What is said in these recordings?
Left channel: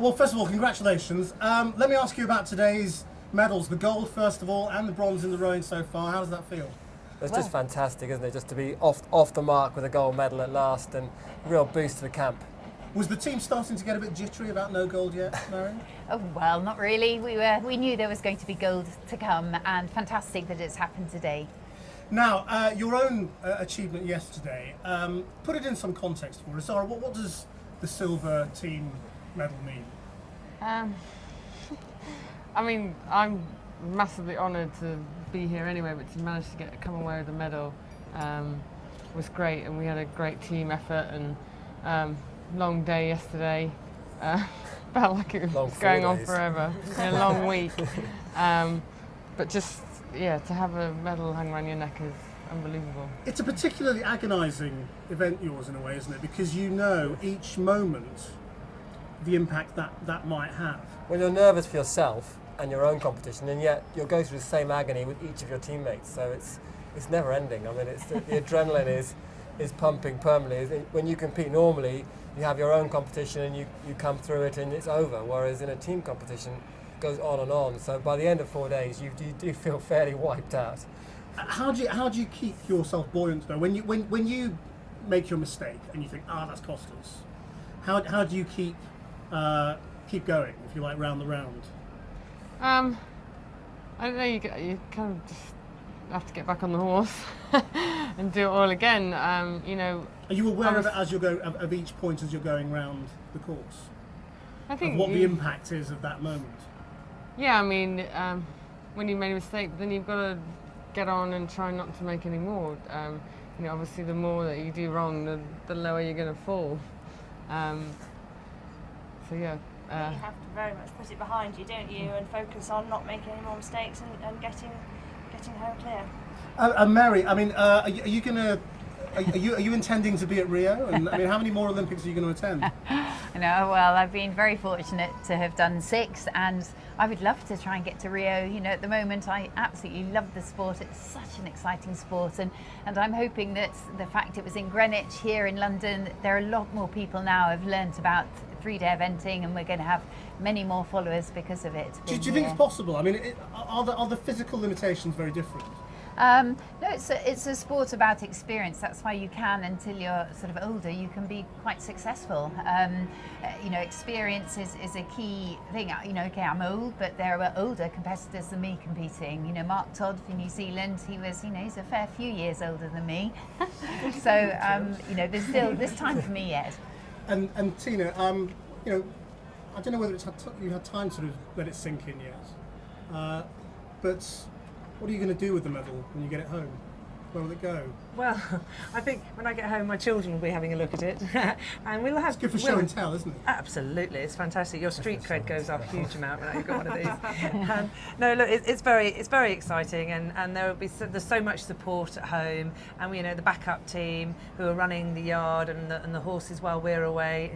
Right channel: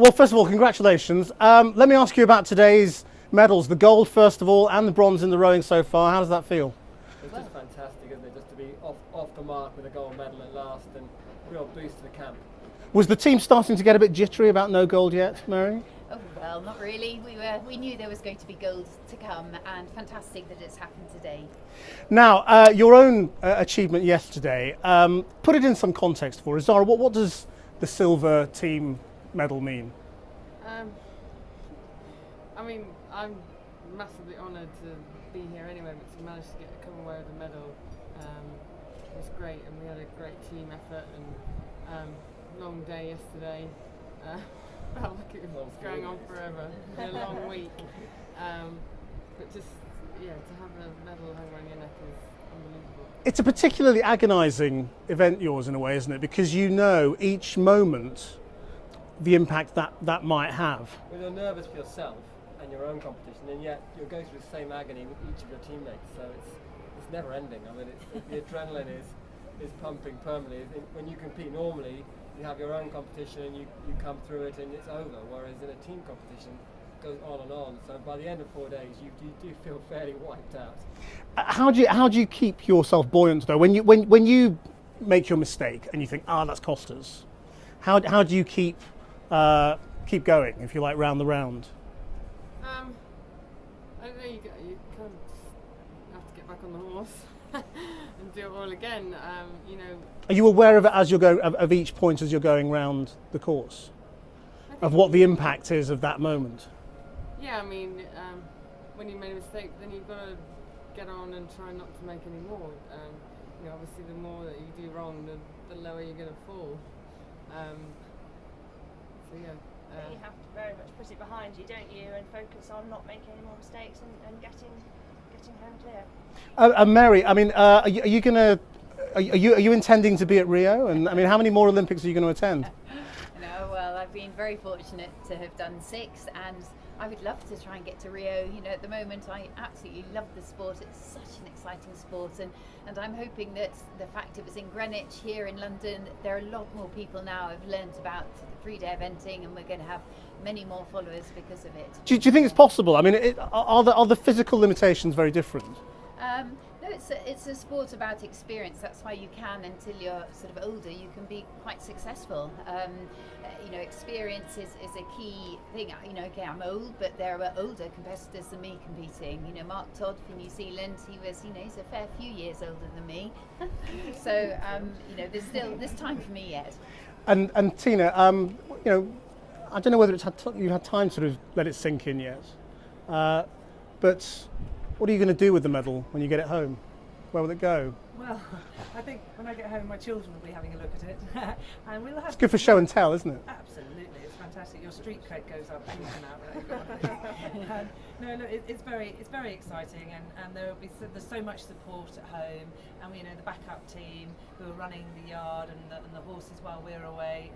Well, first of all, congratulations. Let me ask you about today's medals, the gold first of all, and the bronze in the rowing so far. How does that feel? It's just fantastic, isn't it? Just to be off the mark with a gold medal at last, and real boost to the camp. Was the team starting to get a bit jittery about no gold yet, Mary? Oh, well, not really. We knew there was going to be gold to come, and fantastic that it's happened today. Now, your own achievement yesterday, put it in some context for us. Zara, what does the silver team medal mean? I mean, I'm massively honoured to be here anyway, but to manage to come away with a medal was great, and we had a great team effort, and long day yesterday. Felt like it was going on forever. A long week. But just, yeah, to have a medal hung around your neck is unbelievable. It's a particularly agonising event, yours, in a way, isn't it? Because you know each moment the impact that might have. Well, you're nervous for yourself and your own competition, and yet you'll go through the same agony with each of your teammates. So it's never ending. I mean, the adrenaline is pumping permanently. When you compete normally, you have your own competition and you come through it and it's over. Whereas in a team competition, it goes on and on. So by the end of 4 days, you do feel fairly wiped out. How do you keep yourself buoyant though? When you make your mistake and you think, that's cost us. How do you keep going, if you like, round the round? I don't know. You kind of just have to get back on the horse and do it all again. You know. Are you aware of it as you're going of each point as you're going round the course? I think of what the impact is of that moment. Yeah, I mean, when you made a mistake, then you've got to get on and try not to make any more. You know, obviously, the more that you do wrong, the lower you're going to fall. So yeah. You have to very much put it behind you, don't you, and focus on not making any more mistakes and getting home clear. Mary, I mean, are you intending to be at Rio? And I mean, how many more Olympics are you going to attend? No, well, I've been very fortunate to have done 6, and I would love to try and get to Rio. You know, at the moment, I absolutely love the sport. It's such an exciting sport, and I'm hoping that the fact it was in Greenwich, here in London, there are a lot more people now have learnt about 3-day eventing, and we're going to have many more followers because of it. Do you think it's possible? I mean, are the physical limitations very different? No, it's a sport about experience. That's why you can, until you're sort of older, you can be quite successful. You know, experience is a key thing. You know, okay, I'm old, but there are older competitors than me competing. You know, Mark Todd for New Zealand, he's a fair few years older than me. So, you know, there's time for me yet. And Tina, you know, I don't know whether you've had time to sort of let it sink in yet, but what are you going to do with the medal when you get it home? Where will it go? Well, I think when I get home, my children will be having a look at it, and we'll have. It's good for show and tell, isn't it? Absolutely, it's fantastic. Your street cred goes up a huge amount when you've got one of these. No, look, it's very exciting, and there's so much support at home, and you know the backup team who are running the yard and the horses while we're away,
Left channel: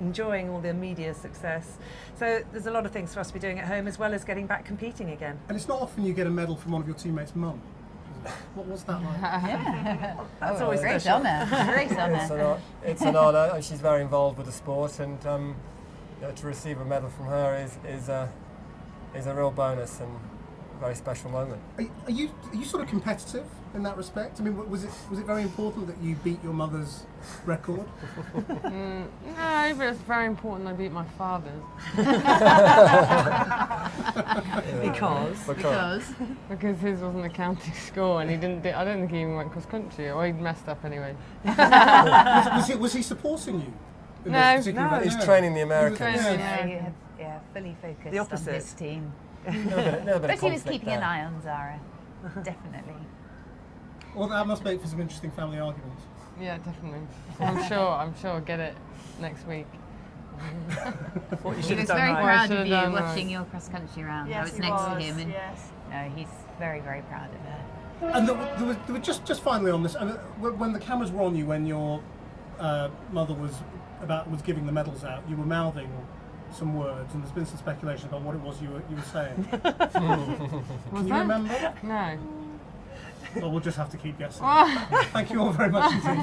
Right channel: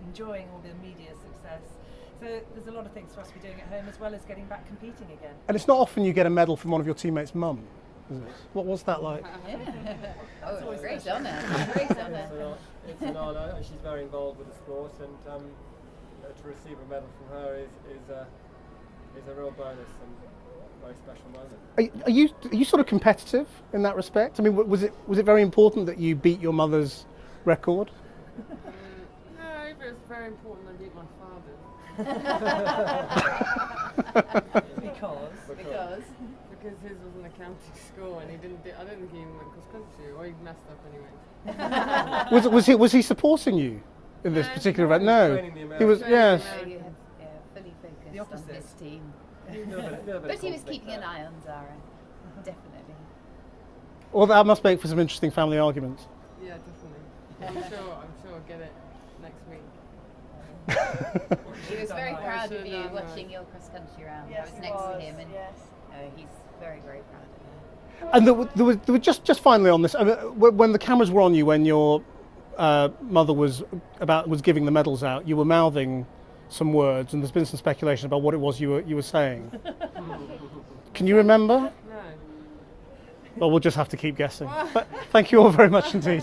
enjoying all the media success. So there's a lot of things for us to be doing at home, as well as getting back competing again. And it's not often you get a medal from one of your teammates' mum. What was that like? That's always a great honour. Great honour. It's an honour, and she's very involved with the sport, and you know, to receive a medal from her is a real bonus and a very special moment. Are you sort of competitive in that respect? I mean, was it very important that you beat your mother's record? No, but it's very important I beat my father's. Because his wasn't a county score, and I don't think he even went cross country, or he'd messed up anyway. was he supporting you in this particular event? He's training the Americans. Fully focused the opposite. on this team. But he was keeping an eye on Zara, definitely. Well, that must make for some interesting family arguments. Yeah, definitely. I'm sure I'll get it next week. He was very proud of you watching your cross country round. Yes, I was next to him, and yes. he's very, very proud of her. And there was just finally on this. I mean, when the cameras were on you, when your mother was giving the medals out, you were mouthing some words, and there's been some speculation about what it was you were saying. Can you remember? No. Well, we'll just have to keep guessing. Thank you all very much indeed.